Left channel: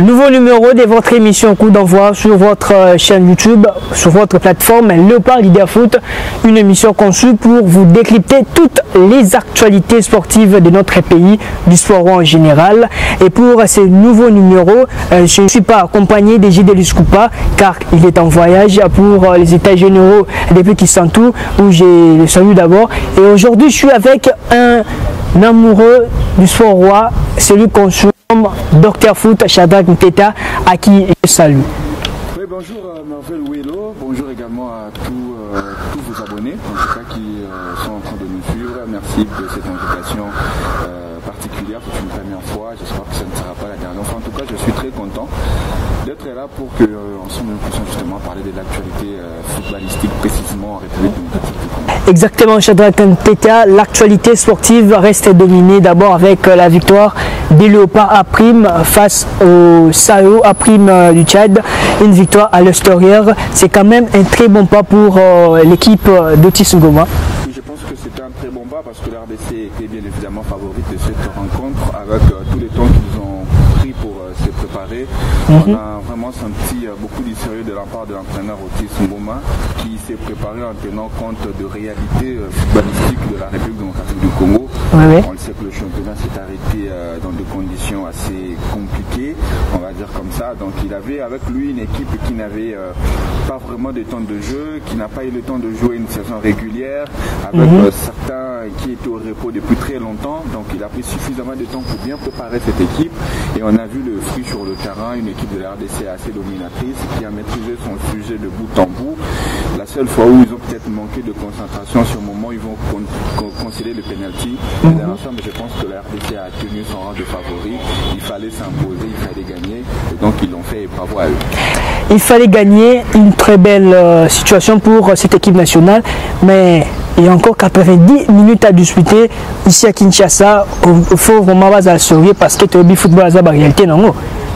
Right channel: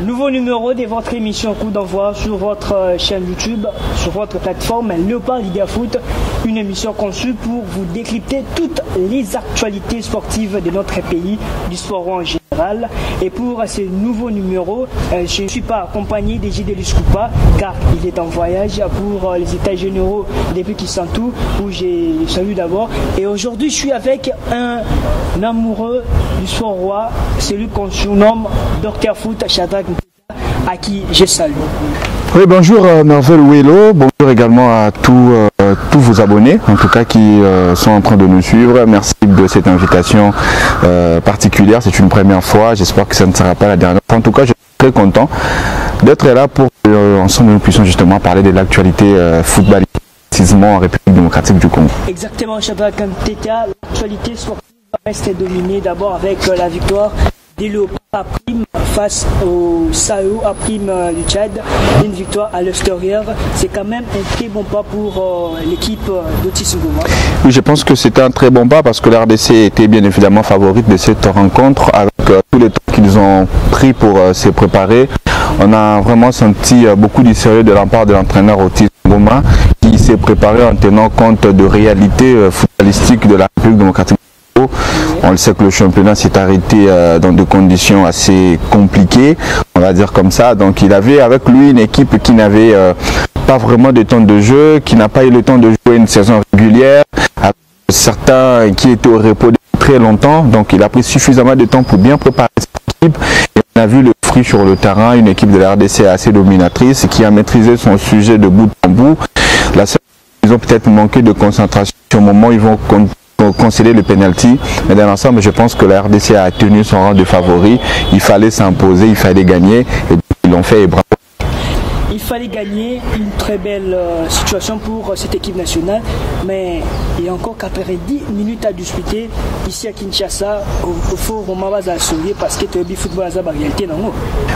Nouveau numéro de votre émission Coup d'envoi sur votre chaîne YouTube, sur votre plateforme Léopard Leader Foot, une émission conçue pour vous décrypter toutes les actualités sportives de notre pays, du sport en général. Et pour ce nouveau numéro, je ne suis pas accompagné de J.D. Coupa car il est en voyage pour les États généraux depuis Kisantu où je le salue d'abord. Et aujourd'hui, je suis avec un amoureux du sport roi, celui qu'on surnomme Dr Foot, Shadrack Nteta, à qui je salue. Oui, bonjour Merveille Ouello, bonjour également à tous vos abonnés, en tout cas qui sont en train de nous suivre. Merci de cette invitation particulière, c'est une première fois, j'espère que ça ne sera pas la dernière fois. En tout cas, je suis très content d'être là pour qu'ensemble nous puissions justement parler de l'actualité footballistique, précisément en République démocratique du Congo. Exactement, Shadrack Nteta, l'actualité sportive reste dominée d'abord avec la victoire des Léopards A' face au Sao A' du Tchad. Une victoire à l'extérieur, c'est quand même un très bon pas pour l'équipe d'Otis Ngoma. Oui, je pense que c'était un très bon pas parce que la RDC était bien évidemment favorite de cette rencontre avec tous les temps qu'ils ont pris pour se préparer. On a vraiment senti beaucoup du sérieux de la part de l'entraîneur Otis Ngoma qui s'est préparé en tenant compte de réalités footballistiques de la République démocratique du Congo. On le sait que le championnat s'est arrêté dans des conditions assez compliquées, on va dire comme ça. Donc il avait avec lui une équipe qui n'avait pas vraiment de temps de jeu, qui n'a pas eu le temps de jouer une saison régulière, avec certains qui étaient au repos depuis très longtemps. Donc il a pris suffisamment de temps pour bien préparer cette équipe. Et on a vu le fruit sur le terrain, une équipe de la RDC assez dominatrice qui a maîtrisé son sujet de bout en bout. La seule fois où ils ont peut-être manqué de concentration, c'est au moment où ils vont concéder le penalty. Mais dans l'ensemble, je pense que la RDC a tenu son rang de favori. Il fallait s'imposer, il fallait gagner. Et donc ils l'ont fait et bravo à eux. Il fallait gagner, une très belle situation pour cette équipe nationale, mais il y a encore 90 minutes à disputer ici à Kinshasa. Il faut vraiment baser à sérieux parce que le football est la réalité, non?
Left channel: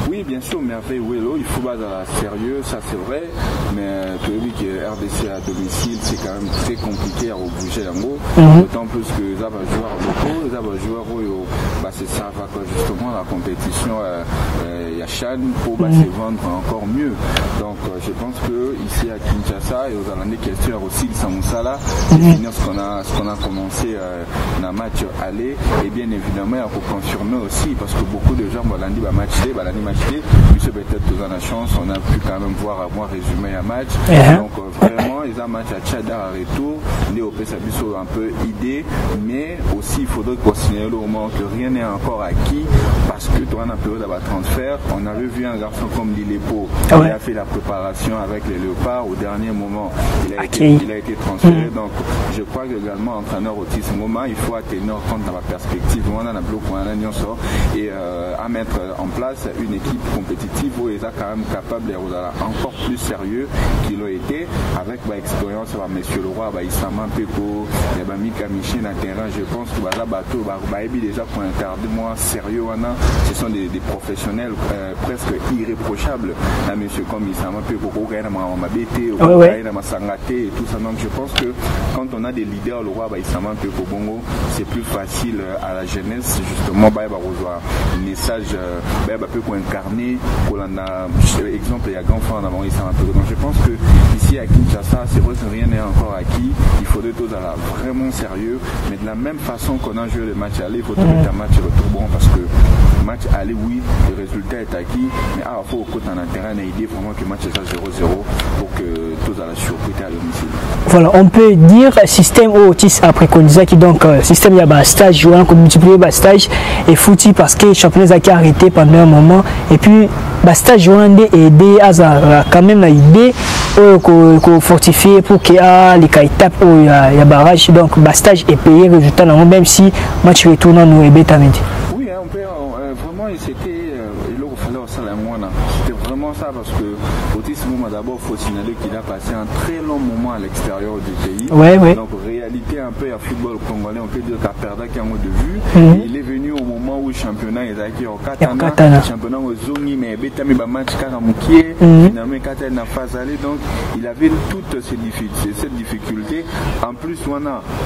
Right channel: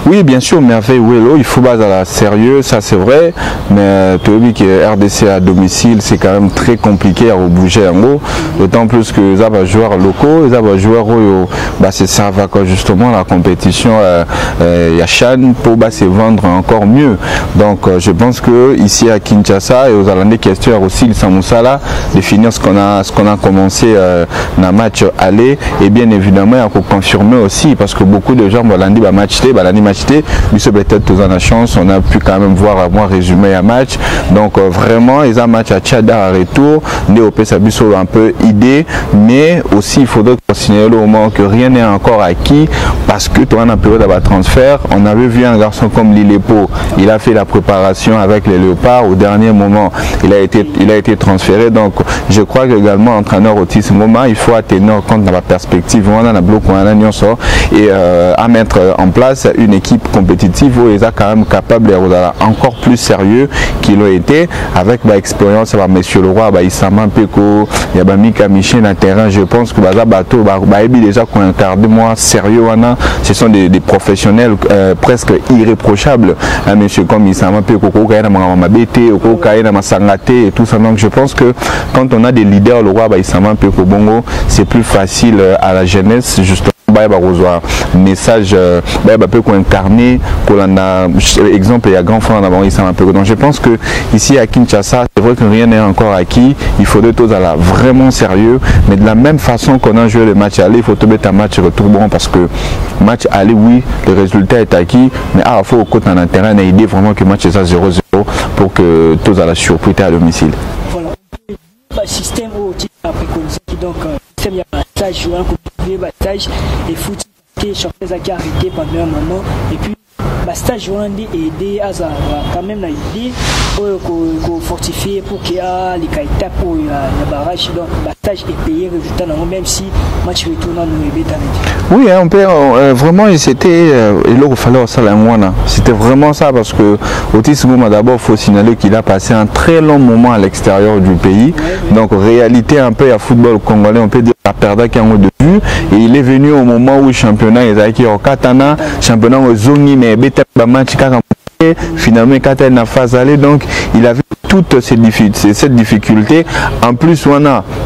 Oui, bien sûr, Merveille Ouello, il faut baser à la sérieux, ça c'est vrai, mais tu que RDC à domicile, c'est quand même très compliqué à bouger en haut, d'autant plus que les joueurs locaux, les joueurs c'est ça va justement la compétition, il y a Chan pour se vendre encore mieux. Donc je pense que ici à Kinshasa et aux Hollandais qui espèrent aussi le Samoussala de finir ce qu'on a commencé dans le match aller, et bien évidemment il faut confirmer aussi parce que beaucoup de gens Hollandais va matcher, mais c'est peut-être tous en la chance, on a pu quand même voir à moi résumer un match. Donc vraiment ils ont un match à Tchada à retour, Néopé Sabiso un peu idée, mais aussi il faudrait signaler au moment que rien n'est encore acquis parce que toi en période de transfert, on avait vu un garçon comme Lilepo, il a fait la préparation avec les Léopards au dernier moment, il a été transféré. Donc je crois que également entraîneur Otis Ngoma, il faut tenir compte de la perspective on a bloc et à mettre en place une équipe compétitive où ils sont quand même capables d'être encore plus sérieux qu'ils l'ont été avec l'expérience de M. Leroy, Issama Peko, il y a Mika Miché dans le terrain. Je pense que bateau déjà qu'on incarne moins sérieux, ce sont des professionnels presque irréprochables. Un monsieur comme Issama Peko, et tout ça. Donc je pense que quand on a des leaders, le roi Issama Peko Bongo, c'est plus facile à la jeunesse justement message incarné exemple il y a grand frère d'abord Issama Peko. Donc je pense que ici à Kinshasa c'est vrai que rien n'est encore acquis, il faudrait tous aller vraiment sérieux, mais de la même façon qu'on a joué le match aller, il faut mettre un match retour bon parce que match aller oui le résultat est acquis, mais il faut au côté dans le terrain et idée vraiment que le match est à 0-0 pour que tous à la surprise à domicile. Voilà, on peut dire système Otis a préconisé qui donc système il y a un stage jouant comme multiplier stage et foutu parce que le championnat qui a arrêté pendant un moment et puis stage jouant aider à quand même l'idée qu'on fortifie pour qu'il y a les étapes où il y a barrage, donc stage est payé résultat même si match retourne nous et bêta. Oui, on peut vraiment c'était il fallait ça la moine, c'était vraiment ça parce que Otis Ngoma d'abord il faut signaler qu'il a passé un très long moment à l'extérieur du pays. Donc réalité un peu à football congolais, on peut dire qu'à perdre qu'un mot de vue et il est venu au moment où le championnat est au Katana, championnat au Zongi mais bêta mi match finalement Katana phase aller, donc il avait toutes cette difficulté. En plus,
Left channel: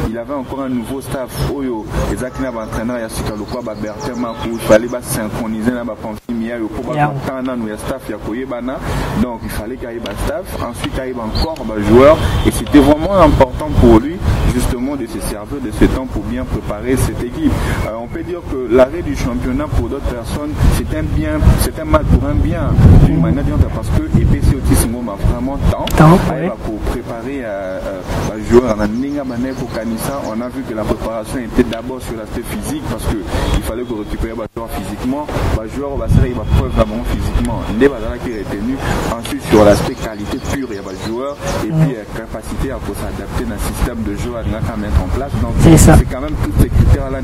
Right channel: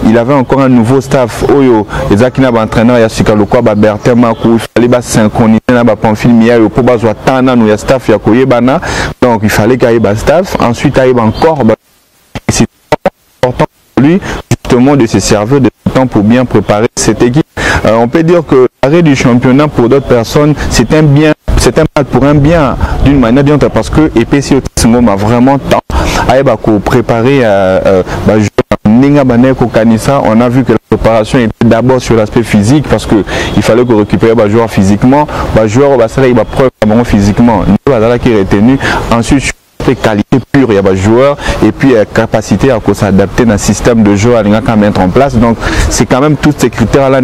il avait encore un nouveau staff. Oyo, Ezakina entraîneur, Yasuka Lokwa, Bertin Makou, il fallait synchroniser na Pamphile Miayo pour bazoa tana nous staff ya koyebana. Donc il fallait qu'il y ait un staff. Ensuite, il y avait encore un joueur. Et c'était vraiment important pour lui, justement, de se servir de ce temps pour bien préparer cette équipe. On peut dire que l'arrêt du championnat pour d'autres personnes, c'est un bien, c'est un mal pour un bien, d'une manière ou d'une autre, parce que EPC Autisme a vraiment temps à préparer joueur. On a vu que la préparation était d'abord sur l'aspect physique, parce qu'il fallait que récupérer les joueurs physiquement, les joueurs preuve physiquement, qui est retenu. Ensuite sur l'aspect qualité pure, il y a des joueurs et puis capacité à s'adapter dans un système de jeu à mettre en place. Donc c'est quand même tous ces critères là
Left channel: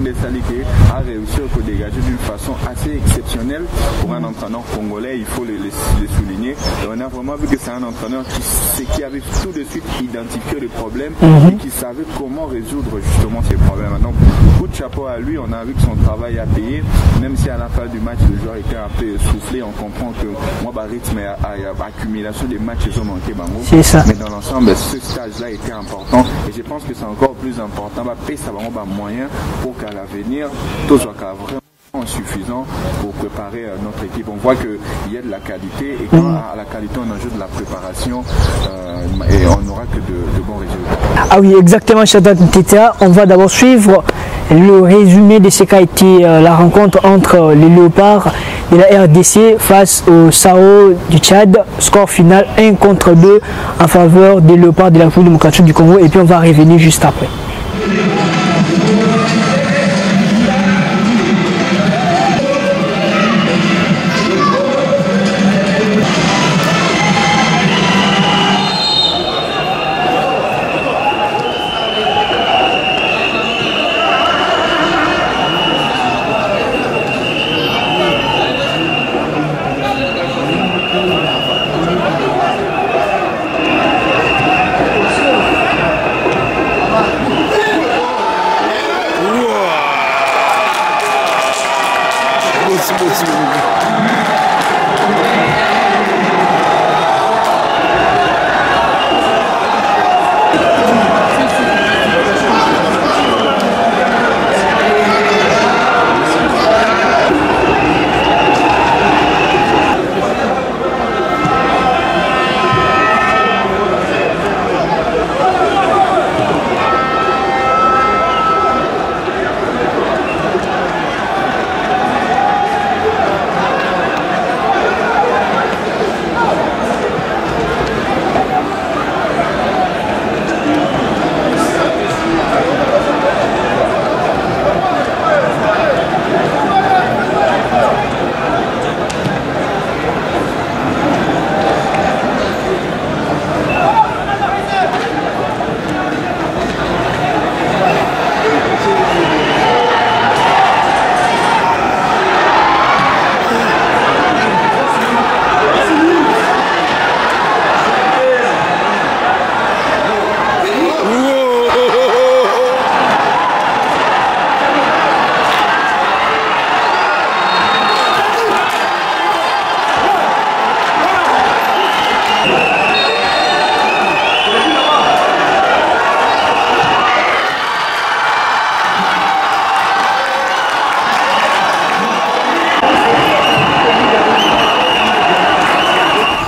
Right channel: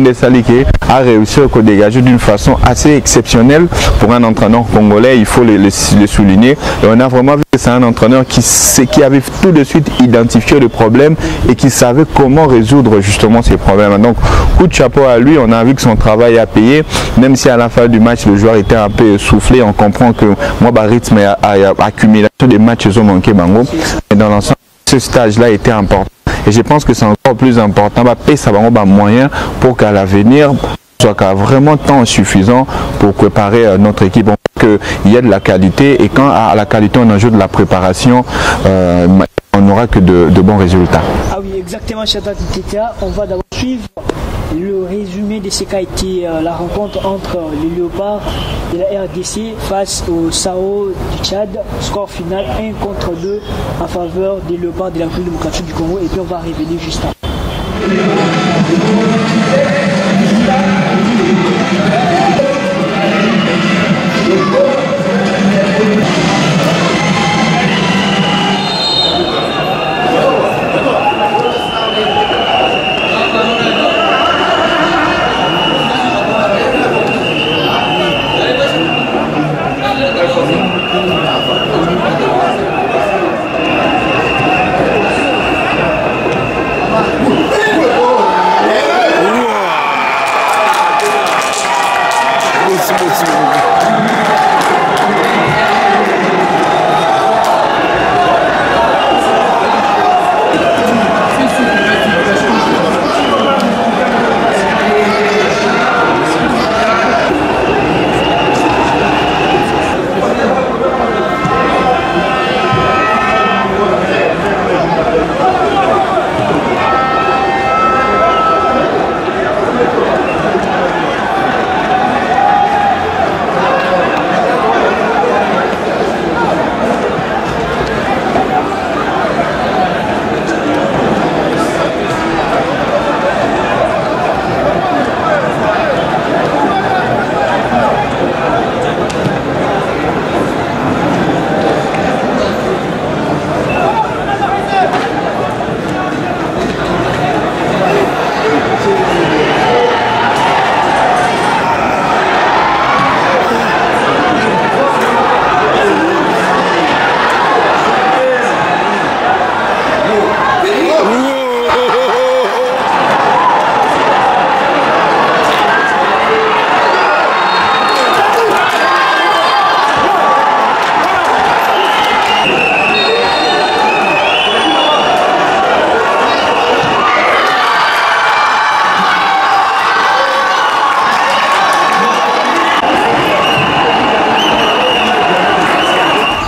a réussi à dégager d'une façon assez exceptionnelle pour un entraîneur congolais, il faut le souligner. Et on a vraiment vu que c'est un entraîneur qui avait tout de suite identifié le problème et qui savait comment résoudre justement ces problèmes. Donc coup de chapeau à lui, on a vu que son travail a payé, même si à la fin du match le joueur était un peu essoufflé. On comprend que moi rythme et accumulation des matchs ils ont manqué bango, mais dans l'ensemble ce stage là était important et je pense que c'est encore plus important ça va moyen pour qu'à l'avenir tout soit vraiment temps suffisant pour préparer notre équipe. On voit qu'il y a de la qualité et quand à la qualité on ajoute de la préparation, on n'aura que de bons résultats. Ah oui, exactement, Shaddad Nteta. On va d'abord suivre le résumé de ce qu'a été la rencontre entre les Léopards de la RDC face au Sao du Tchad. Score final 1-2 en faveur des Léopards de la République démocratique du Congo. Et puis on va revenir juste après.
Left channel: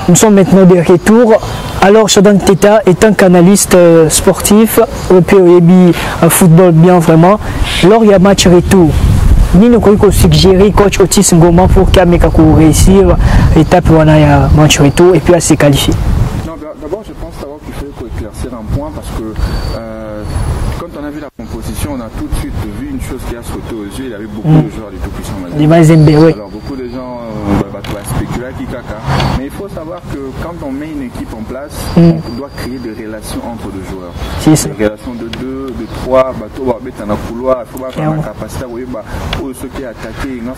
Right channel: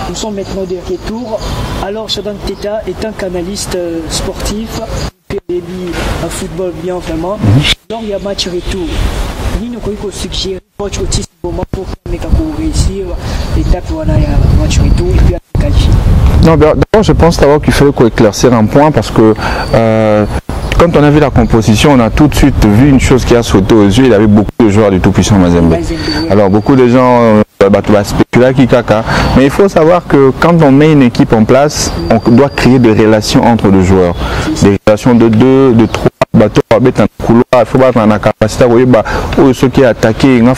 Nous sommes maintenant de retour. Alors, Shaddad Nteta est un canaliste sportif au POEB football bien vraiment. Lors il y a match retour. Nous avons suggéré coach Otis Ngoma pour qu'il réussir l'étape où on a match retour et puis à se qualifier. Non, d'abord je pense d'abord qu'il faut éclaircir un point parce que quand on a vu la composition, on a tout de suite vu une chose qui a sauté aux yeux. Il y avait beaucoup de joueurs du tout-puissant Mazembe. Alors beaucoup de gens spéculer qui caca. Mais il faut savoir que quand on met une équipe en place, on doit créer des relations entre les joueurs. Des relations de 2, de 3, bateau va mettre dans un couloir, il faut battre dans la capacité, ceux qui attaquent, donc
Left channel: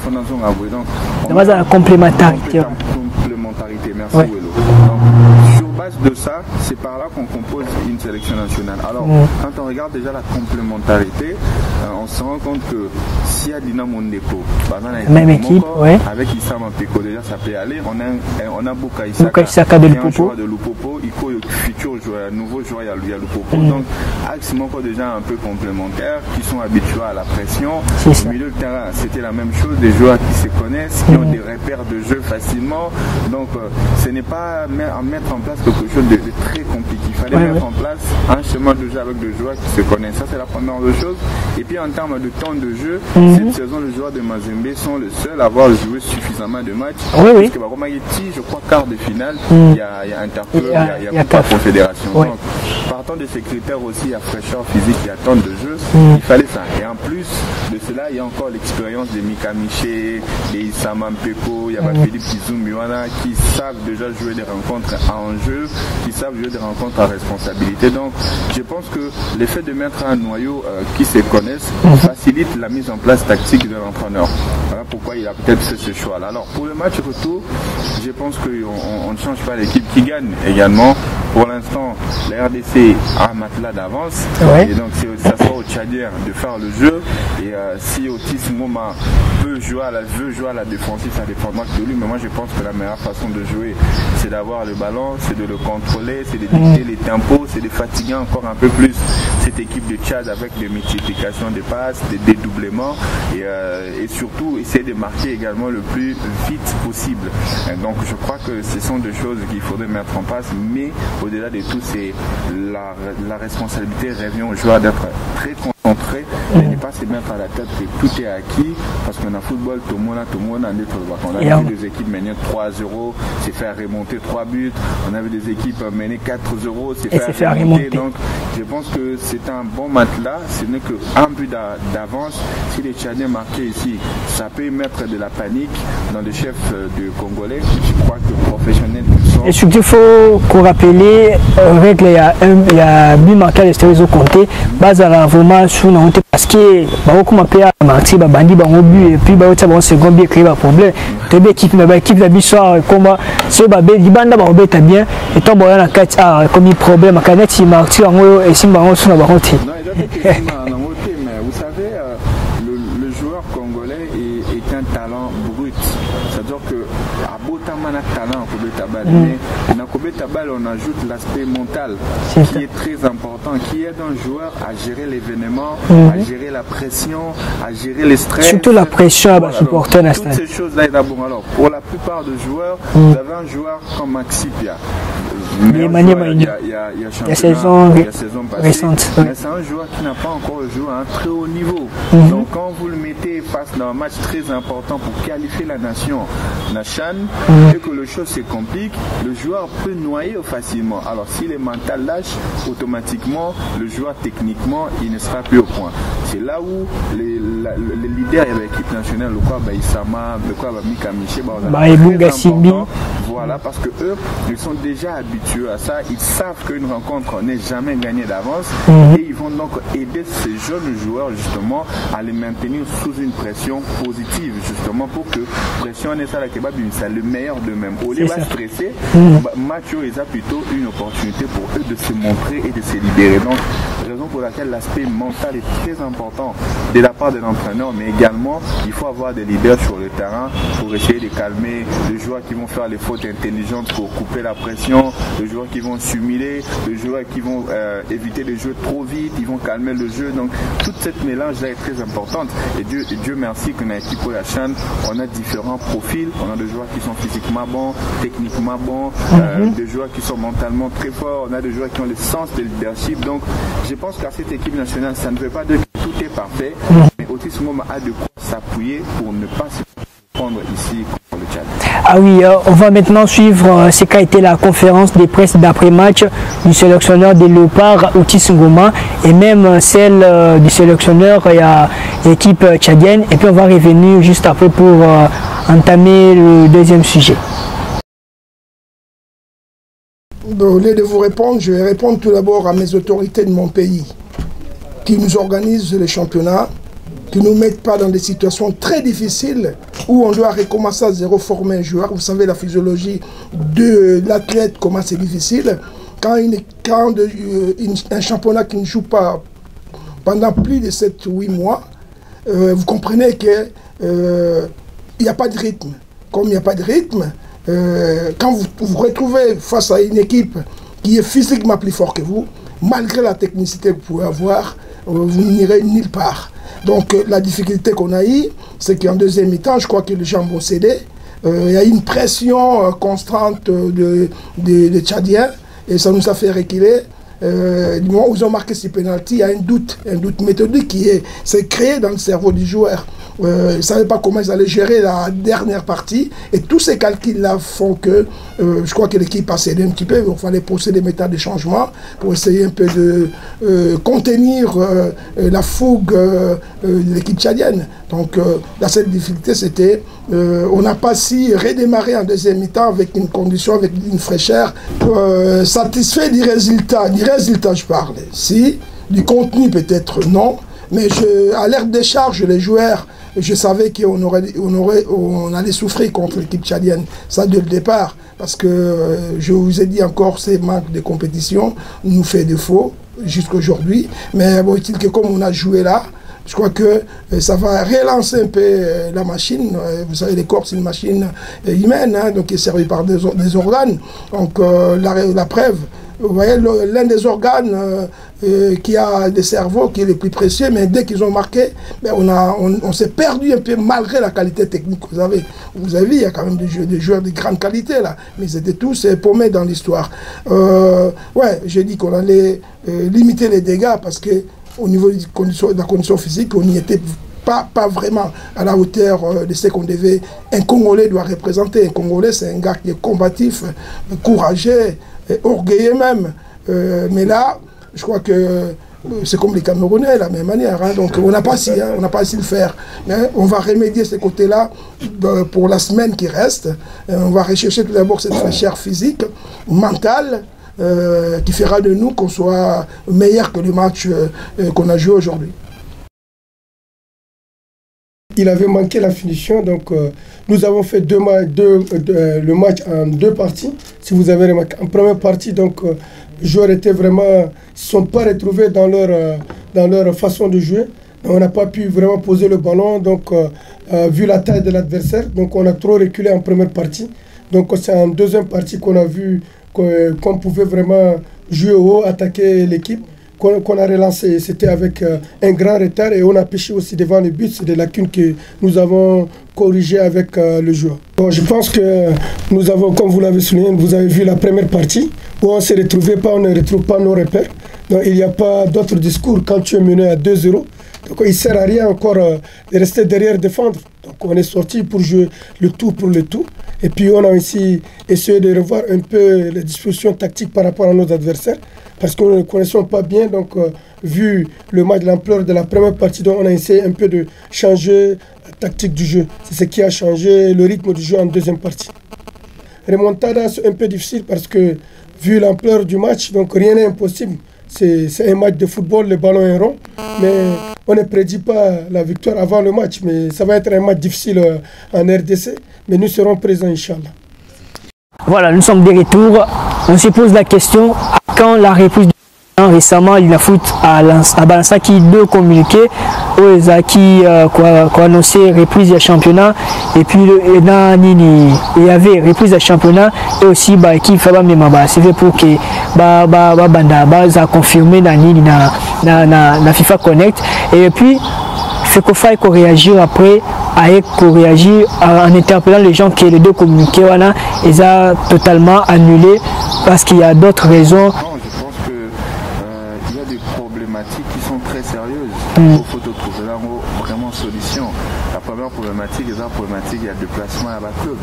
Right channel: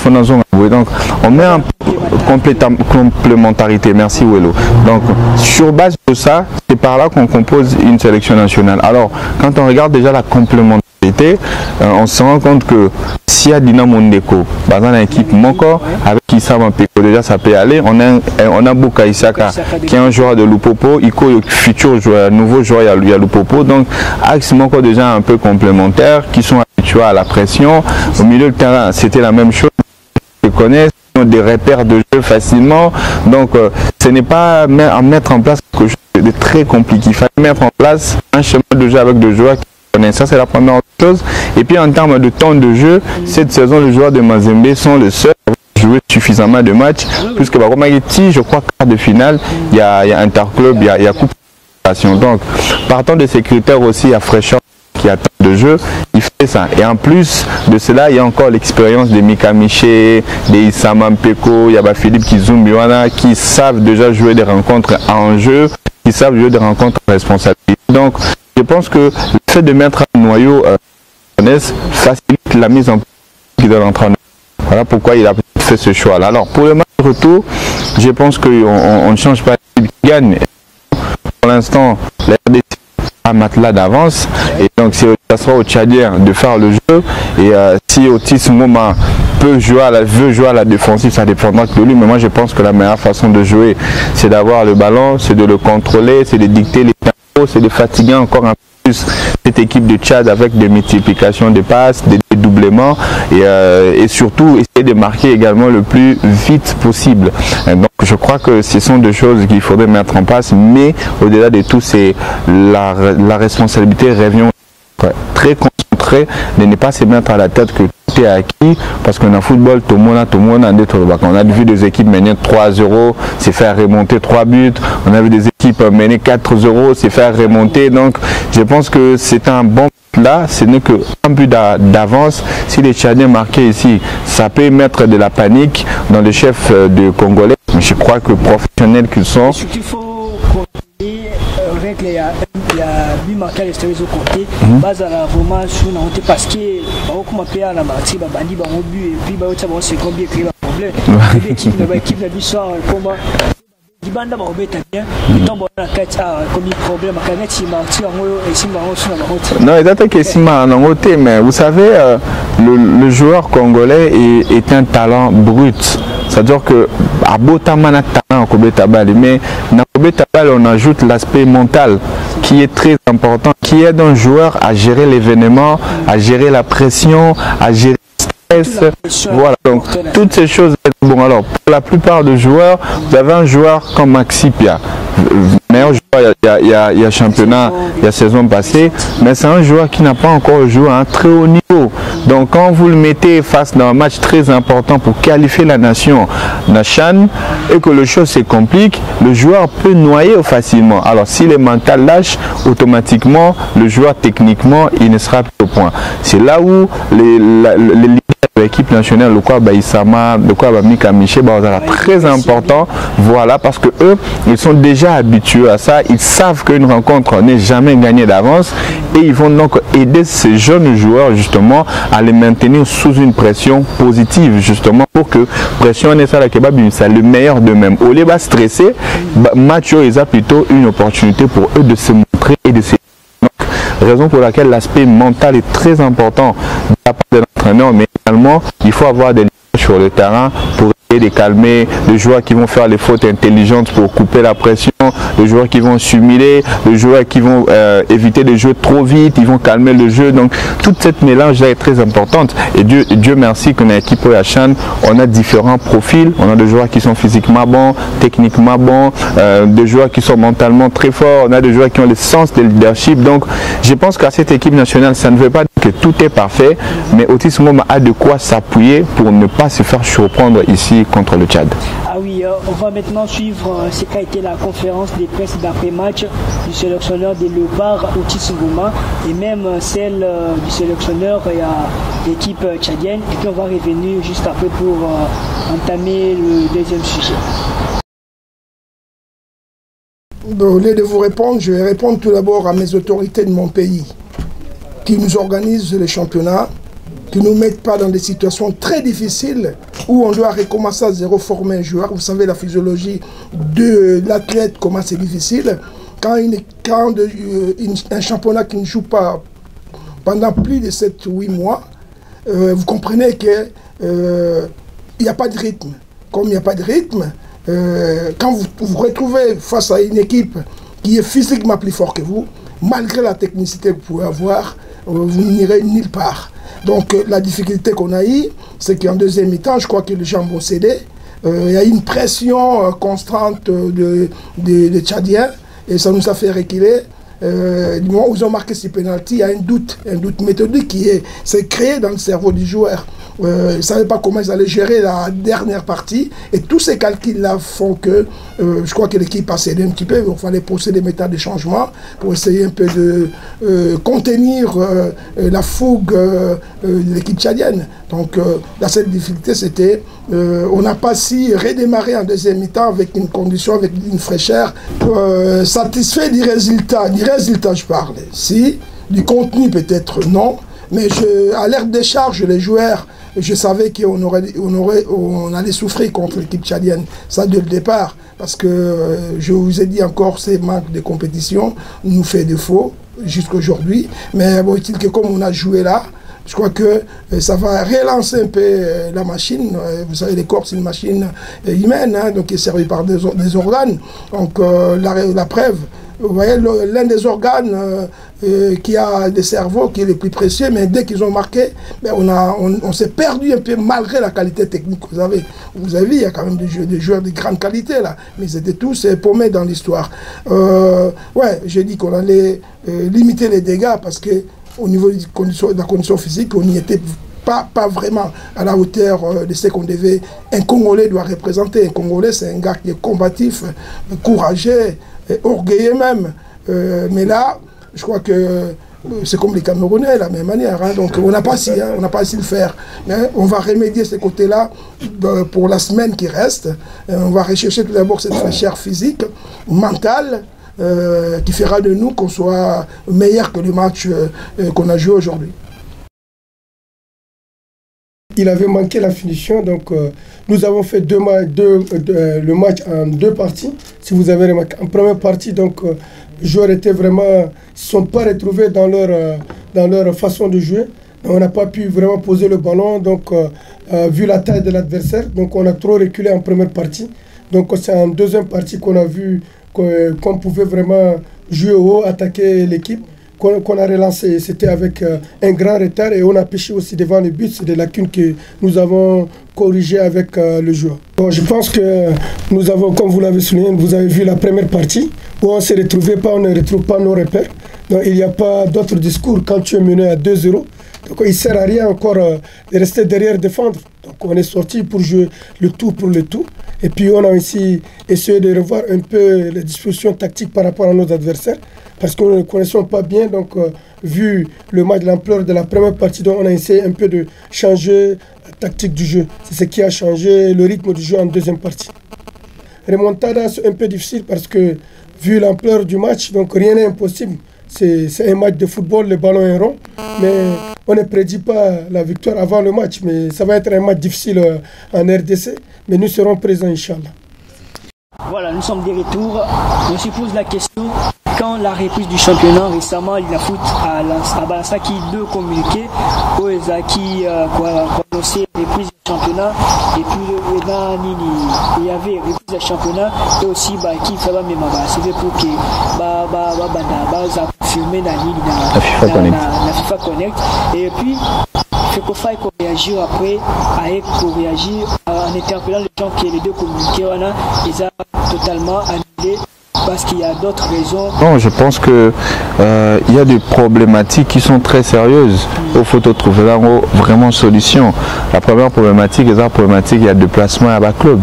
on met en complémentarité. Merci Welo. Donc sur base de ça, c'est par là qu'on compose une sélection nationale. Alors quand on regarde déjà la complémentarité, on se rend compte que s'il y a Dinamo Ndeko dans une équipe avec Issa Mampeko, déjà ça peut aller. On a Boka Isaka qui est un joueur de Lupopo, Iko le futur joueur, nouveau joueur, il y a Lupopo. Donc axe Moko déjà un peu complémentaires, qui sont habitués à la pression. Au milieu de terrain, c'était la même chose, des joueurs qui se connaissent, qui ont des repères de jeu facilement. Donc ce n'est pas à mettre en place quelque chose de très compliqué. Il fallait mettre en place un chemin de jeu avec des joueurs qui se connaissent. Ça, c'est la première chose. Et puis en termes de temps de jeu, cette saison, les joueurs de Mazembe sont les seuls à avoir joué suffisamment de matchs. Puisque je crois quart de finale, il y a Interclub, il y a Coupe à Confédération. Donc partant de ces critères aussi, il y a fraîcheur physique, il y a temps de jeu, il fallait ça. Et en plus de cela, il y a encore l'expérience de Mika Miché, de Issa Mampeko, il y a Philippe Kizumbiwana qui savent déjà jouer des rencontres en jeu, qui savent jouer des rencontres en responsabilité. Donc je pense que le fait de mettre un noyau qui se connaissent facilite la mise en place tactique de l'entraîneur. Voilà pourquoi il a peut-être fait ce choix-là. Alors pour le match retour, je pense qu'on ne change pas l'équipe qui gagne également. Pour l'instant, la RDC a un matelas d'avance. Et donc ça sera au Tchadien de faire le jeu. Et si Otis Ngoma veut jouer à la défensive, ça dépendra de lui. Mais moi je pense que la meilleure façon de jouer, c'est d'avoir le ballon, c'est de le contrôler, c'est de dicter les tempos, c'est de fatiguer encore un peu plus cette équipe de Tchad avec des multiplications de passes, des dédoublements et surtout essayer de marquer également le plus vite possible. Et donc je crois que ce sont des choses qu'il faudrait mettre en place, mais au-delà de tout, c'est la responsabilité revient au joueur d'être très concentré, de ne pas se mettre à la tête que tout est acquis, parce qu'on a football, tout le monde a on a vu des équipes mener 3-0, c'est faire remonter 3 buts, on a vu des équipes mener 4-0, c'est faire remonter. Donc je pense que c'est un bon matelas, ce n'est qu'un but d'avance. Si les Tchadiens marquaient ici, ça peut mettre de la panique dans les chefs de Congolais. Je crois que professionnels qu'ils sont. Et surtout, il faut qu'on rappelle, avec il y a but marqué à l'extérieur de Comté, base à la vraiment sur la honte parce que comme on peut à la martie, bandi au but et puis un second but créé un problème. L'équipe la bisoire comment ce babé dit banda ba bien et tant bon na kati comme un problème à kati martie en et si baron sur la baronti. Non, il date que si en côté, mais vous savez le joueur congolais est un talent brut. C'est-à-dire que à Botamana talent mais dans Kobetabal on ajoute l'aspect mental qui est très important, qui aide un joueur à gérer l'événement, à gérer la pression, à gérer les stress. Surtout la pression. Voilà, donc toutes ces choses-là. Bon, alors pour la plupart des joueurs, vous avez un joueur comme Maxi Pia. Meilleur joueur, il y a championnat, il y a saison passée, mais c'est un joueur qui n'a pas encore joué à un très haut niveau. Donc quand vous le mettez face à un match très important pour qualifier la nation la CHAN et que le chose se complique, le joueur peut noyer facilement. Alors si le mental lâche, automatiquement le joueur techniquement il ne sera plus au point. C'est là où les leaders de l'équipe nationale, le quoi Baïsama, le quoi Mika Miché, très important. Voilà, parce que eux ils sont déjà habitués à ça, ils savent qu'une rencontre n'est jamais gagnée d'avance et ils vont donc aider ces jeunes joueurs justement à les maintenir sous une pression positive, justement pour que pression c'est le meilleur d'eux-mêmes. Au lieu de stresser, Mathieu a plutôt une opportunité pour eux de se montrer et de se libérer. Donc, raison pour laquelle l'aspect mental est très important de la part de l'entraîneur, mais également, il faut avoir des leaders sur le terrain pour essayer de calmer les joueurs qui vont faire les fautes intelligentes pour couper la pression, les joueurs qui vont simuler, les joueurs qui vont éviter de jouer trop vite, ils vont calmer le jeu. Donc, toute cette mélange-là est très importante. Et Dieu merci qu'on a équipe Chan, on a différents profils. On a des joueurs qui sont physiquement bons, techniquement bons, des joueurs qui sont mentalement très forts, on a des joueurs qui ont le sens de leadership. Donc je pense qu'à cette équipe nationale, ça ne veut pas dire que tout est parfait, mais Otis Ngoma a de quoi s'appuyer pour ne pas se faire surprendre ici contre le Tchad. Ah oui, on va maintenant suivre ce qu'a été la conférence de presse d'après-match du sélectionneur des Léopards, Otis Ngoma, et même celle du sélectionneur l'équipe tchadienne. Et puis on va revenir juste après pour entamer le deuxième sujet. Au lieu de vous répondre, je vais répondre tout d'abord à mes autorités de mon pays qui nous organisent les championnats, qui ne nous mettent pas dans des situations très difficiles où on doit recommencer à zéro former un joueur. Vous savez la physiologie de l'athlète, comment c'est difficile. Quand un championnat qui ne joue pas pendant plus de 7-8 mois, vous comprenez que il n'y a pas de rythme. Comme il n'y a pas de rythme, quand vous vous retrouvez face à une équipe qui est physiquement plus forte que vous, malgré la technicité que vous pouvez avoir, vous n'irez nulle part. Donc la difficulté qu'on a eue, c'est qu'en deuxième mi-temps, je crois que les gens vont céder. Il y a une pression constante des Tchadiens et ça nous a fait reculer. Du moment où ils ont marqué ce pénalty, il y a un doute méthodique qui s'est créé dans le cerveau du joueur. Ils ne savaient pas comment ils allaient gérer la dernière partie. Et tous ces calculs-là font que je crois que l'équipe a cédé un petit peu. Il fallait procéder des méthodes de changement pour essayer un peu de contenir la fougue de l'équipe tchadienne. Donc la seule difficulté, c'était on n'a pas si redémarré en deuxième mi-temps avec une condition, avec une fraîcheur satisfait du résultat. Du résultat, je parle. Si, du contenu peut-être non. Mais à l'ère des charges, les joueurs, je savais qu'on allait souffrir contre l'équipe tchadienne. Ça dès le départ. Parce que je vous ai dit encore, ces manques de compétition nous fait défaut jusqu'à aujourd'hui. Mais bon, il que comme on a joué là, je crois que ça va relancer un peu la machine. Vous savez, les corps, c'est une machine humaine, hein, donc qui est servie par des organes. Donc la preuve, vous voyez, l'un des organes qui a des cerveaux, qui est le plus précieux, mais dès qu'ils ont marqué, ben on s'est perdu un peu malgré la qualité technique que vous avez. Vous avez vu, il y a quand même des joueurs de grande qualité là, mais ils étaient tous paumés dans l'histoire. Ouais, j'ai dit qu'on allait limiter les dégâts parce que au niveau de la condition physique, on n'y était pas vraiment à la hauteur de ce qu'on devait. Un Congolais doit représenter. Un Congolais, c'est un gars qui est combatif, courageux, orgueilleux même. Mais là, je crois que c'est comme les Camerounais, de la même manière. Hein. Donc on n'a pas si le faire. Mais on va remédier ce côté-là pour la semaine qui reste. On va rechercher tout d'abord cette fraîcheur physique, mentale, qui fera de nous qu'on soit meilleur que le match qu'on a joué aujourd'hui. Il avait manqué la finition, donc nous avons fait le match en deux parties. Si vous avez remarqué, en première partie, donc les joueurs étaient vraiment, se sont pas retrouvés dans leur façon de jouer. On n'a pas pu vraiment poser le ballon, donc vu la taille de l'adversaire, donc on a trop reculé en première partie. Donc c'est en deuxième partie qu'on a vu qu'on pouvait vraiment jouer haut, attaquer l'équipe, qu'on a relancé. C'était avec un grand retard et on a pêché aussi devant le but. C'est des lacunes que nous avons corrigées avec le joueur. Bon, je pense que nous avons, comme vous l'avez souligné, vous avez vu la première partie où on ne retrouve pas nos repères. Donc il n'y a pas d'autre discours quand tu es mené à 2-0. Donc il ne sert à rien encore de rester derrière défendre. Donc on est sorti pour jouer le tout pour le tout. Et puis on a aussi essayé de revoir un peu les dispositions tactiques par rapport à nos adversaires. Parce que nous ne les connaissons pas bien. Donc vu le match, l'ampleur de la première partie, donc on a essayé un peu de changer la tactique du jeu. C'est ce qui a changé le rythme du jeu en deuxième partie. Remontada, c'est un peu difficile parce que vu l'ampleur du match, donc rien n'est impossible. C'est un match de football, le ballon est rond, mais on ne prédit pas la victoire avant le match. Mais ça va être un match difficile en RDC, mais nous serons présents, Inch'Allah. Voilà, nous sommes de retour. On se pose la question, quand la reprise du championnat, récemment, l'INAFOOT a balancé qui deux communiqués, qui ont annoncé reprise du championnat, et puis il y avait reprise du championnat, et aussi qui fait c'est fait pour que ça a confirmé dans la FIFA Connect, et puis FECOFA a réagi après, en interpellant les gens que les deux communiqués ils ont totalement annulé parce qu'il y a d'autres raisons. Non, je pense que il y a des problématiques qui sont très sérieuses. Il faut trouver là vraiment solution. La première problématique, il y a déplacement à bas club.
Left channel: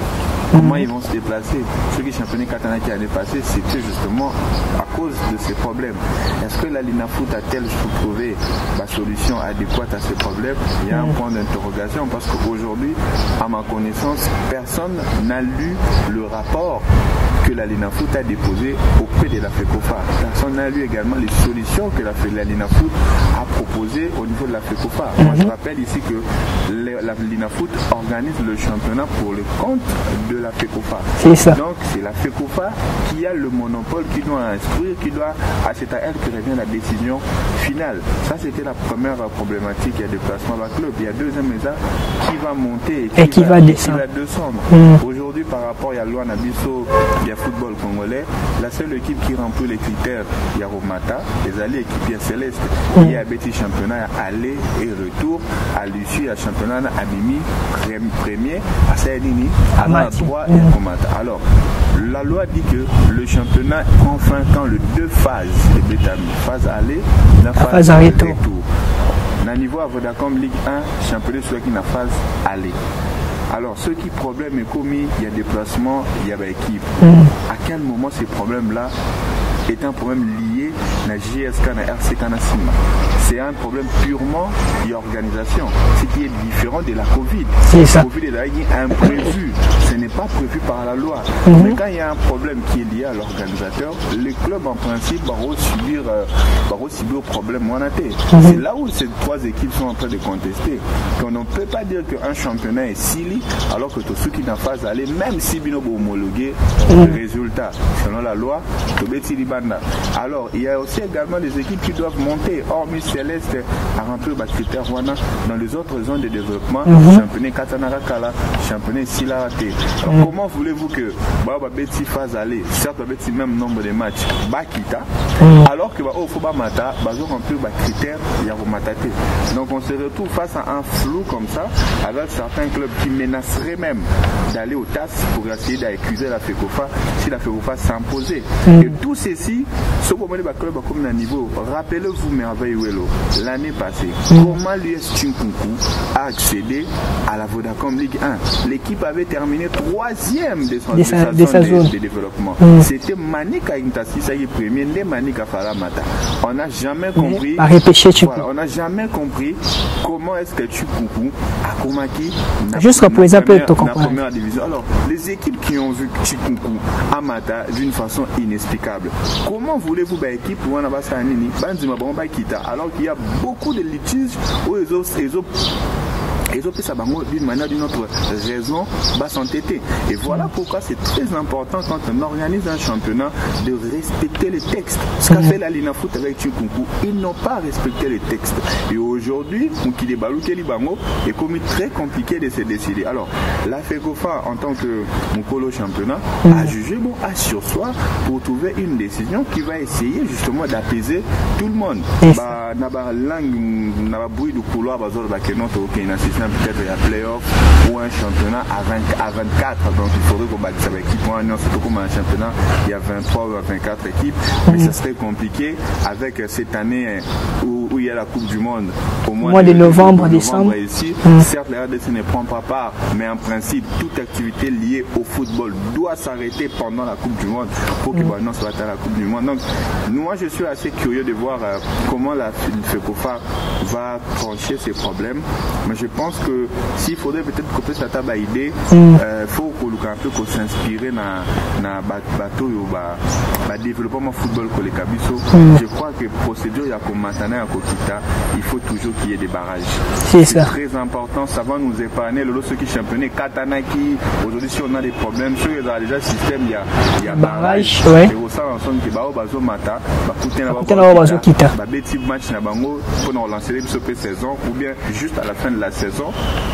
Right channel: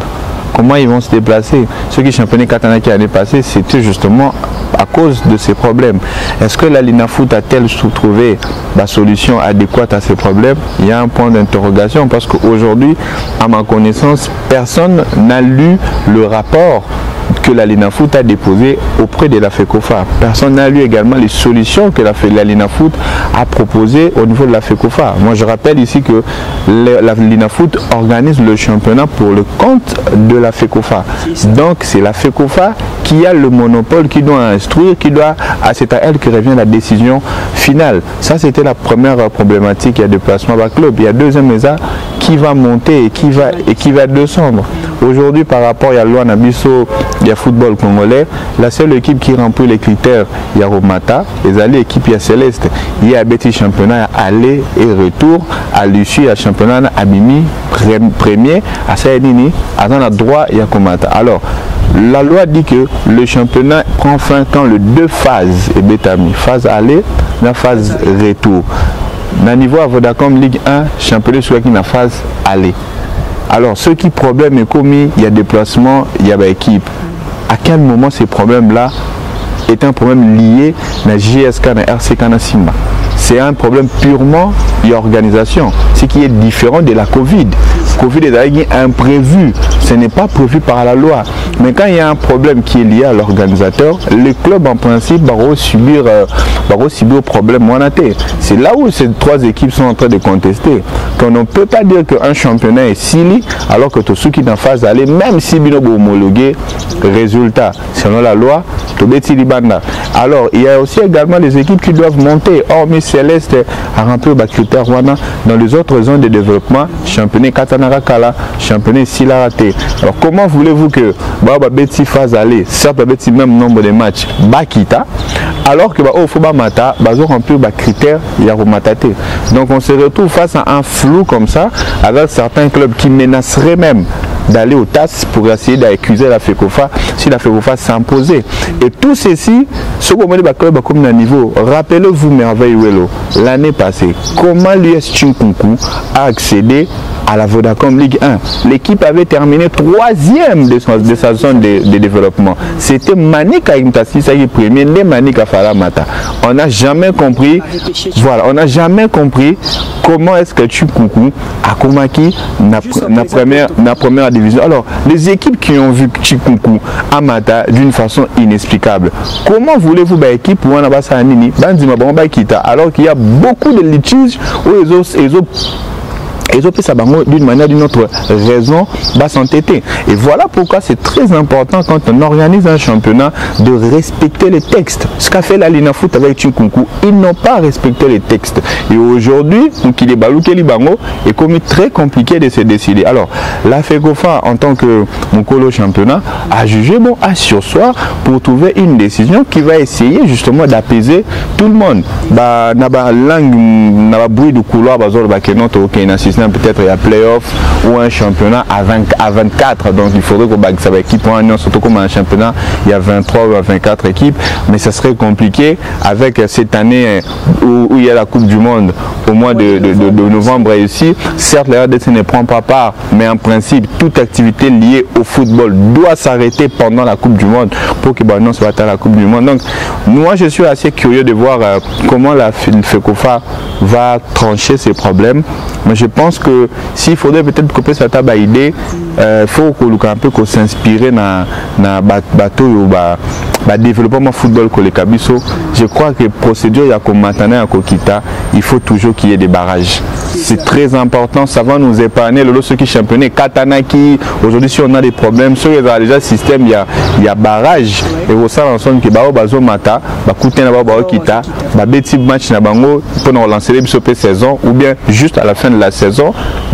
Comment ils vont se déplacer? Ceux qui championnaient Katana qui l'année passée, c'était justement à cause de ces problèmes. Est-ce que la l'INAFOOT a-t-elle trouvé la solution adéquate à ces problèmes? Il y a un point d'interrogation parce qu'aujourd'hui, à ma connaissance, personne n'a lu le rapport que la l'INAFOOT a déposé auprès de la FECOFA. Personne n'a lu également les solutions que la l'INAFOOT a proposées au niveau de la FECOFA. Moi, je rappelle ici que la l'INAFOOT organise le championnat pour le compte de la FECOFA. Donc, c'est la FECOFA qui a le monopole, qui doit instruire, c'est à elle que revient la décision finale. Ça, c'était la première problématique. Il y a déplacement à bas club. Il y a deuxième qui qui va monter et qui va descendre. Aujourd'hui, par rapport à la loi Nabiso, il y a football congolais, la seule équipe qui remplit les critères, il y a Romata, et l'équipe, il y a Céleste. Il y a Betty championnat aller et retour, à l'issue, à championnat Abimi, premier, à Saïdini, à dans droit, il y a Komata. Alors, la loi dit que le championnat prend fin quand les deux phases est bétami, phase aller, la phase retour. Dans le niveau à Vodacom Ligue 1, championnat soit qui na phase aller. Alors, ce qui problème est commis, il y a déplacement, il y a équipe. À quel moment ces problèmes-là est un problème lié à JSK et RCK Simba? C'est un problème purement d'organisation, ce qui est différent de la Covid. La Covid est imprévu, ce n'est pas prévu par la loi. Mais quand il y a un problème qui est lié à l'organisateur, les clubs en principe vont subir le problème. C'est là où ces trois équipes sont en train de contester. Qu'on ne peut pas dire qu'un championnat est sili alors que tous ceux qui sont en phase d'aller, même si ils ont homologué le résultat, selon la loi, alors il y a aussi également des équipes qui doivent monter. Hormis Céleste a rempli les critères dans les autres zones de développement, championnat Katanara Kala, championnat Silarate. Alors comment voulez-vous que Betty fasse aller, certes Betty même nombre de matchs, Bakita, alors que Ofoba Mata, ils ont rempli les critères Yarumatate. Donc on se retrouve face à un flou comme ça, avec certains clubs qui menaceraient même d'aller au TAS pour essayer d'accuser la FECOFA si la FECOFA s'imposait. Et tout ceci, ce qu'on dit comme un niveau, rappelez-vous merveille l'année passée, comment l'US Chinkunku a accédé à la Vodacom Ligue 1. L'équipe avait terminé 3e de sa zone de développement. C'était Manika Imtassi, ça y est premier, né Manika Faramata. On n'a jamais compris, voilà, on n'a jamais compris comment est-ce que Chinkunku a comaki la première division. Alors, les équipes qui ont vu Chinkunku à Mata d'une façon inexplicable, comment voulez-vous une équipe pour un Abasanini, alors qu'il y a beaucoup de litiges où ils ont fait ça d'une manière ou d'une autre raison va s'entêter. Et voilà pourquoi c'est très important quand on organise un championnat de respecter les textes. Ce qu'a fait la Lina Foot avec Chinkunku, ils n'ont pas respecté les textes. Et aujourd'hui, il est balouké Libango est comme très compliqué de se décider. Alors, la FECOFA en tant que mon colo championnat a jugé bon à sursoir pour trouver une décision qui va essayer justement d'apaiser tout le monde. Bah, naba langue, naba bruit du couloir, bazol bakenoto aucun assistant. Peut-être il y a playoff ou un championnat à 24, donc il faudrait que ça va équipe pour un an, surtout comme un championnat il y a 23 ou 24 équipes, mais ça serait compliqué avec cette année où il y a la Coupe du Monde au mois de novembre ici. Certes, la RDC ne prend pas part, mais en principe toute activité liée au football doit s'arrêter pendant la Coupe du Monde pour que non soit à la Coupe du Monde. Donc moi je suis assez curieux de voir comment la FECOFA va trancher ces problèmes. Mais je pense que s'il faudrait peut-être couper cette idée, il faut un peu s'inspirer dans bateau ou développement football que les Kabiso. Je crois que procédure il y a comme maintenant à Kokita, il faut toujours qu'il y ait des barrages. C'est très important, ça va nous épargner le ceux qui championnent Katanaki. Aujourd'hui si on a des problèmes, sur les déjà système il y a barrage. Et au sein ensemble qui bazo mata, coûter na kita, beti match na bango pour relancer les saison ou bien juste à la fin de la saison,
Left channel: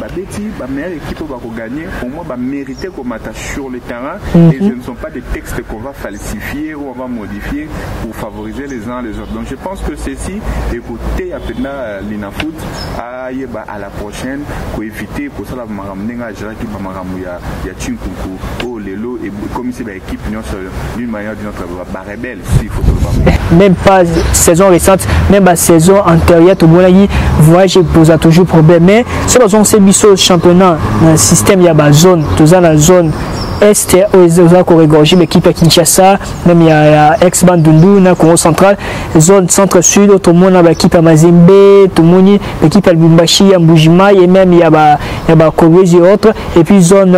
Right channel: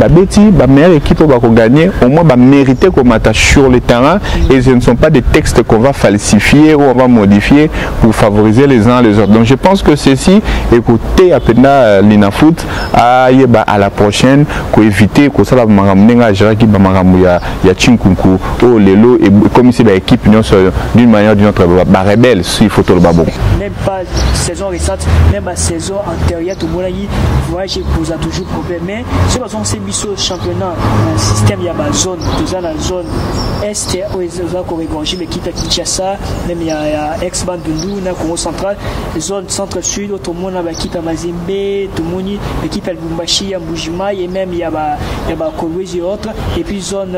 Betty, la meilleure équipe va gagner, au moins va mériter qu'on m'attache sur le terrain et ce ne sont pas des textes qu'on va falsifier ou on va modifier pour favoriser les uns les autres. Donc je pense que ceci, écoutez à peine Lina Foot à la prochaine, pour éviter que ça va m'amener à gérer qui va m'amener à Chinkunku, au Lelo et comme c'est l'équipe d'une manière ou d'une autre, rebelle s'il faut tout le babo. Même pas saison récente, même la saison antérieure, tout le monde voyage pose toujours problème. Mais si on s'est mis au championnat, dans le système, il y a une zone, tout ça dans la zone est, où on regorge l'équipe à Kinshasa, même il y a ex-Bandundu, dans Congo central, zone centre-sud, tout le monde a l'équipe à Mazembe, tout le monde, l'équipe à Lubumbashi, à Mbujima, et même il y a Kolwezi et autres, et puis zone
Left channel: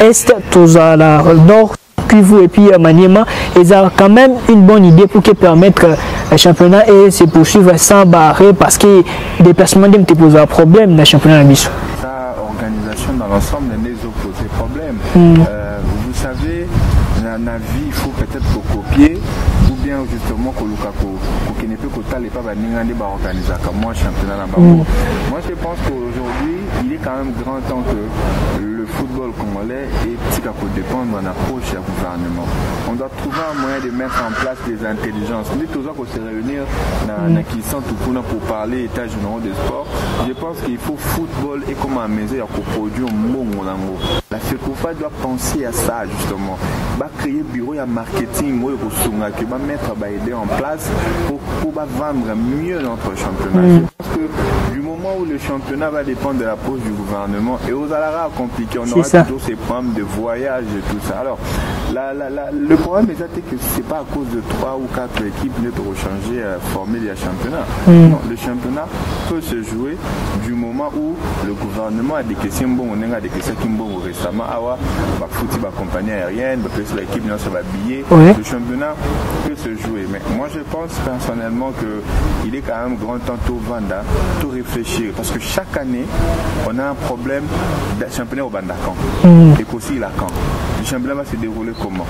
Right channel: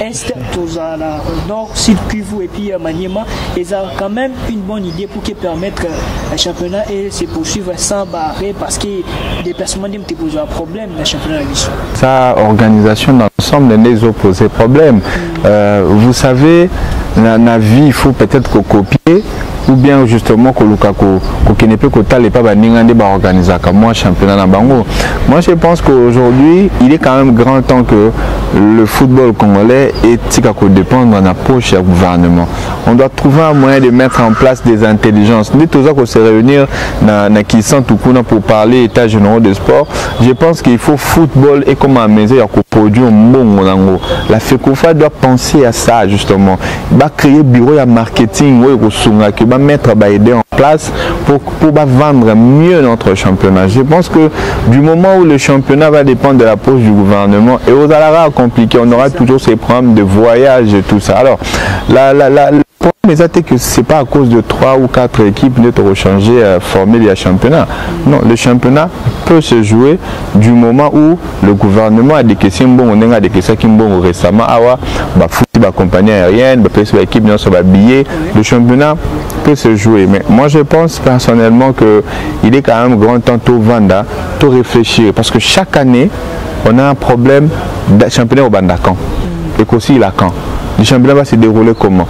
est, tout ça, nord, sud, Kivu, et puis Maniema, ils ont quand même une bonne idée pour permettre le championnat et se poursuivre sans barrer parce que les déplacements ne posent un problème dans le championnat de mission. Sa organisation dans l'ensemble n'est pas posé problème. Vous savez, la vie, il faut peut-être copier, ou bien justement qu'on ne peut pas organiser comme moi championnat dans Bango. Moi je pense qu'aujourd'hui il est quand même grand temps que le football congolais dépendre de la poche du gouvernement. On doit trouver un moyen de mettre en place des intelligences. Nous tous se réunir dans Kissan pour parler état général de sport. Je pense qu'il faut football et comme à maison il produire un bon. La FECOFA doit penser à ça justement. Va créer bureau de marketing qui va mettre aider en place pour vendre mieux notre championnat. Je pense que du moment où le championnat va dépendre de la poche du gouvernement et aux alara compliqués, on aura toujours ces problèmes de voyage et tout ça. Alors le problème est que c'est pas à cause de 3 ou 4 équipes de changer formule du championnat. Non, le championnat peut se jouer du moment où le gouvernement a des questions on a des questions qui bon récemment foot compagnie aérienne équipe billets. Le championnat peut se jouer, mais moi je pense personnellement que il est quand même grand temps tout vendre, tout réfléchir, parce que chaque année on a un problème de championnat au Bandakan et qu'aussi la Caen. Le championnat va se dérouler comment?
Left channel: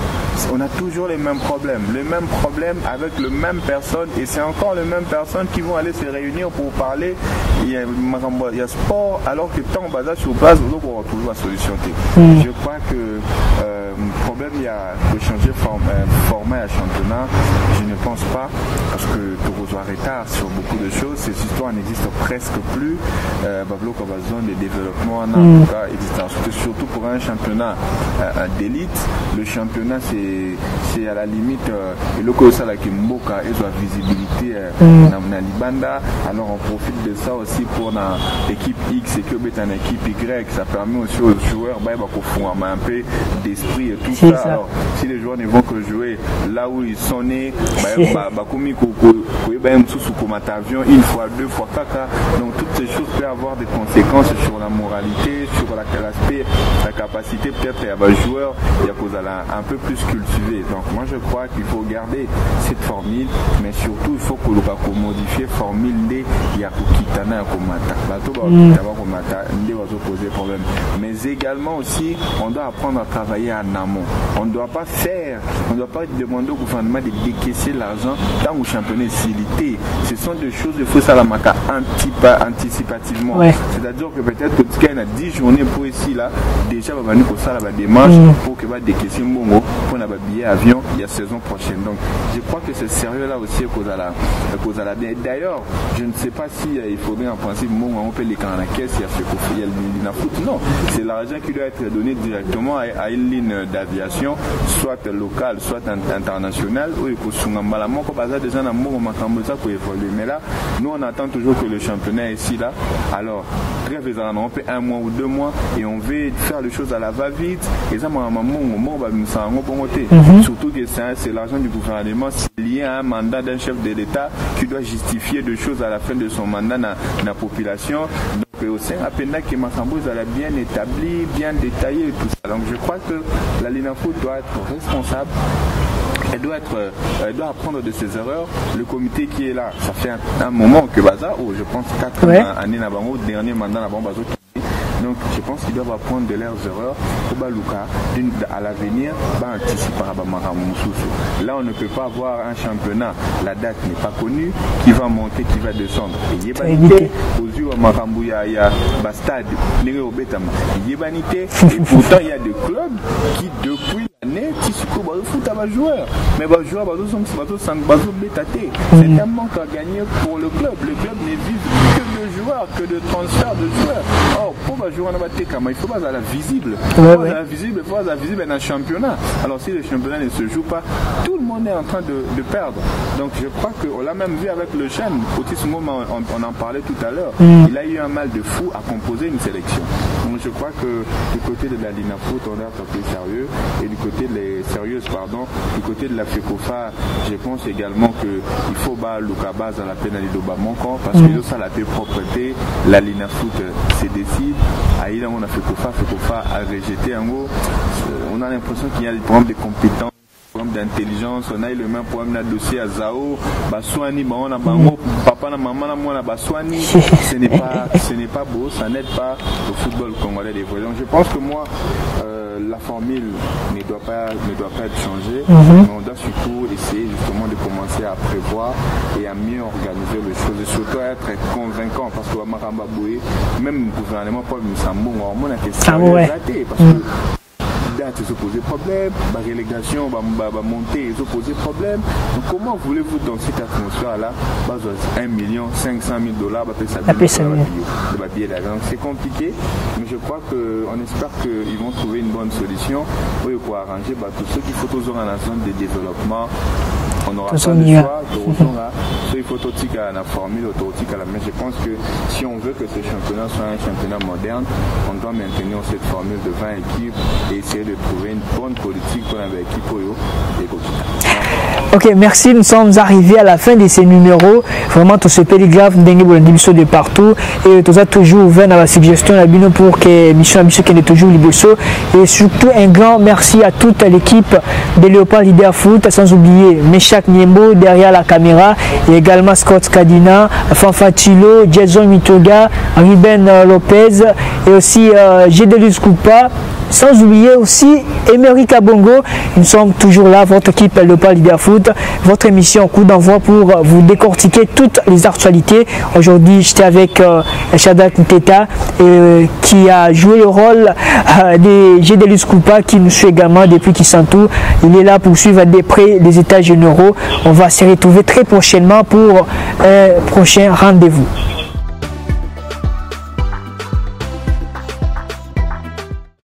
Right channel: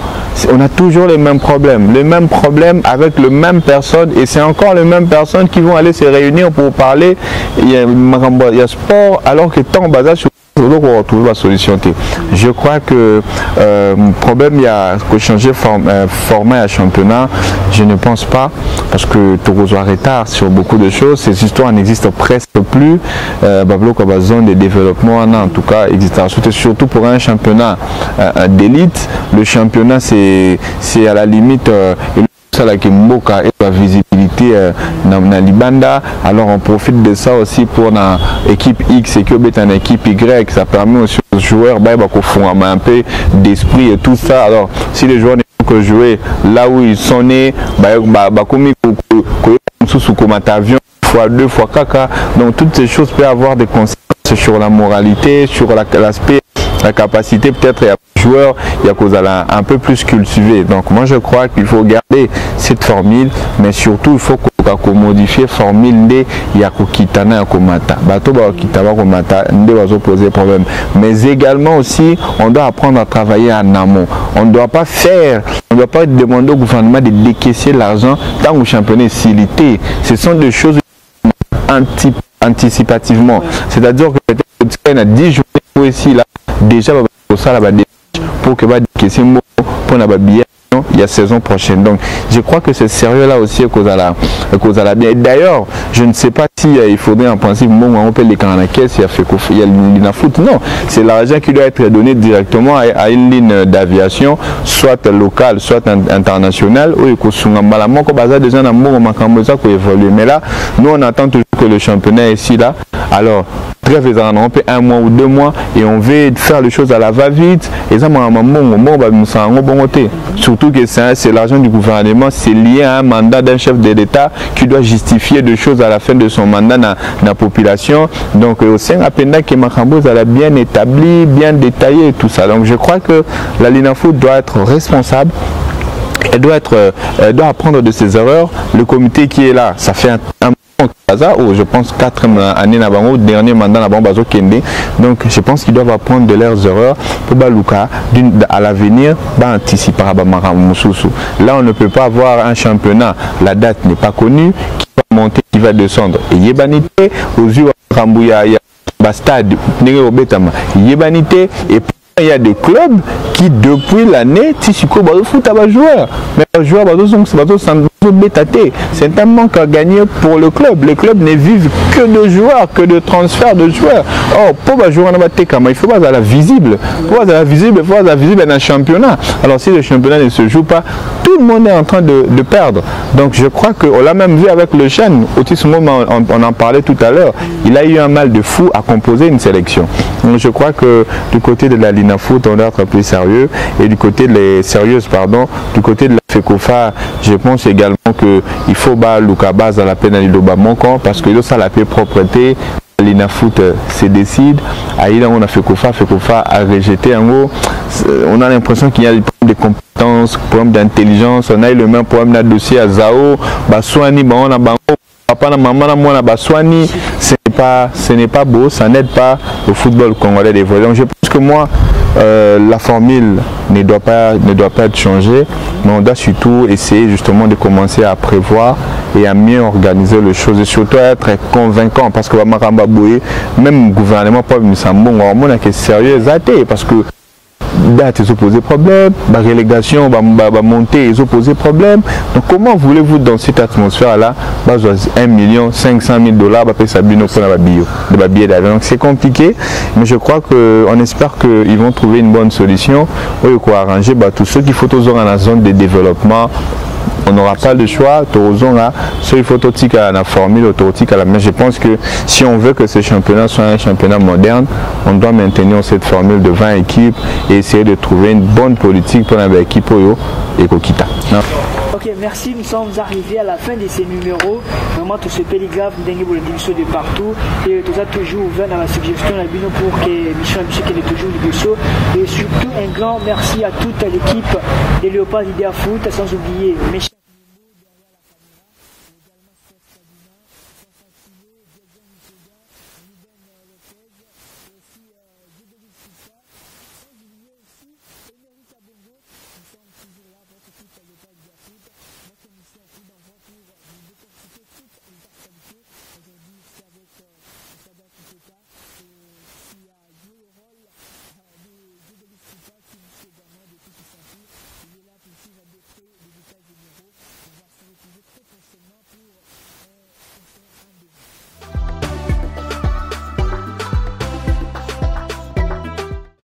On a toujours les mêmes problèmes avec les mêmes personnes, et c'est encore les mêmes personnes qui vont aller se réunir pour parler. Il y a sport, alors que tant basé sur place, on va retrouver la solution. Je crois que le problème, il y a que changer format à championnat, je ne pense pas, parce que Togozo a retard sur beaucoup de choses. Ces histoires n'existent presque plus. Bablo comme zone de développement, en tout cas, existe surtout pour un championnat d'élite. Le championnat, c'est à la limite et le côté là qui mboka et la visibilité dans Libanda. Alors on profite de ça aussi pour la équipe X et que une équipe Y. Ça permet aussi aux joueurs un peu d'esprit et tout ça. Alors si les joueurs ne vont que jouer là où ils sont nés, avion une fois, 2 fois caca. Donc toutes ces choses peuvent avoir des conséquences sur la moralité, sur l'aspect, la capacité peut-être à joueur, il y a cause un peu plus cultivé. Donc moi je crois qu'il faut garder cette formule, mais surtout il faut qu'on modifie la formule de Yakokitana Yakomata. Bato Kitaba Komata, ne va poser problème. Mais également aussi, on doit apprendre à travailler en amont. On ne doit pas demander au gouvernement de décaisser l'argent tant que le championnat est silité. Ce sont des choses qu'il faut ça la anticipativement. C'est-à-dire que peut-être que tu as 10 journées pour ici là, déjà la démarche pour que va décaisser Mbongo pour un billet avion il y a saison prochaine. Donc je crois que c'est sérieux là aussi cause à la bien. D'ailleurs, je ne sais pas si il faudrait en principe Mbongo on peut les canaux la caisse, il y a l'INAFOOT. Non, c'est l'argent qui doit être donné directement à une ligne d'aviation, soit locale, soit internationale, ou déjà évoluer. Mais là, nous on attend toujours que le championnat est ici là. Alors très faisant, on peut 1 mois ou 2 mois et on veut faire les choses à la va-vite. Et ça, surtout que c'est l'argent du gouvernement, c'est lié à un mandat d'un chef de l'État qui doit justifier des choses à la fin de son mandat dans la population. Donc, au sein de que Makambo a bien établi, bien détaillé et tout ça. Donc, je crois que la LINAFOOT doit être responsable. Elle doit apprendre de ses erreurs. Le comité qui est là, ça fait un moment que Baza, je pense 4 années au dernier mandat à Bazo Kende. Donc je pense qu'ils doivent apprendre de leurs erreurs pour Baluka à l'avenir, anticiper à Bamaramoussousou. Là on ne peut pas avoir un championnat, la date n'est pas connue, qui va monter, qui va descendre. Et Yebanité, aux yeux de Marambouya, il y a Bastade, Yebanité, et pourtant il y a des clubs qui depuis l'année, Tissiko foot à joueur. Mais les joueurs c'est un manque à gagner pour le club. Les clubs ne vivent que de joueurs, que de transferts de joueurs. Or, pour jouer il faut pas la visible. Il faut la visible dans un championnat. Alors si le championnat ne se joue pas, tout le monde est en train de perdre. Donc je crois qu'on l'a même vu avec le Chêne. Au moment on en parlait tout à l'heure. Il a eu un mal de fou à composer une sélection. Donc je crois que du côté de la LINAFOOT, on doit être plus sérieux. Et du côté du côté de la FECOFA, je pense également qu'il faut Luka base à la peine à l'Ilobamonko parce que ça la paix propreté, la LINAFOOT se décide. Aïda on a FECOFA a rejeté en gros. On a l'impression qu'il y a des problèmes de compétences, des problèmes d'intelligence. On a eu le même problème là dossier à Zao, Baswani, on a Bango. papa na maman na moi baswani, ce n'est pas beau, ça n'aide pas le football congolais d'évoluer. Donc je pense que moi la formule ne doit pas être changée, mais on doit surtout essayer justement de commencer à prévoir et à mieux organiser les choses et surtout à être convaincant parce que même le gouvernement pas nous sommes sérieux parce que date ils ont posé problème, la relégation va monter, ils ont posé problème. Donc comment voulez-vous dans cette atmosphère là 1 500 000 $, de billets d'avion. Donc c'est compliqué, mais je crois qu'on espère qu'ils vont trouver une bonne solution pour arranger tous ceux qui faut dans la zone de développement. On n'aura pas de choix, il faut la formule automatique à la main. Je pense que si on veut que ce championnat soit un championnat moderne, on doit maintenir cette formule de 20 équipes et essayer de trouver une bonne politique pour l'équipe et Kokita. Ok, merci. Nous sommes arrivés à la fin de ces numéros. Vraiment, tout ce pédigraphe de partout. Et tout ça toujours ouvert dans la suggestion pour que l'émission qui est toujours libre. Et surtout, un grand merci à toute l'équipe de Léopard Leader Foot, sans oublier Meshak Niembo derrière la caméra, et également Scott Kadina, Fanfatilo, Jason Mitoga, Ruben Lopez, et aussi Gédelus Koupa. Sans oublier aussi Emery Kabongo. Nous sommes toujours là, votre équipe Léopard Leader Foot, votre émission Coup d'envoi pour vous décortiquer toutes les actualités. Aujourd'hui, j'étais avec Shadak Nteta qui a joué le rôle de Gédelus Koupa qui nous suit également depuis Kisantou. Il est là pour suivre de près les états généraux. On va se retrouver très prochainement pour un prochain rendez-vous.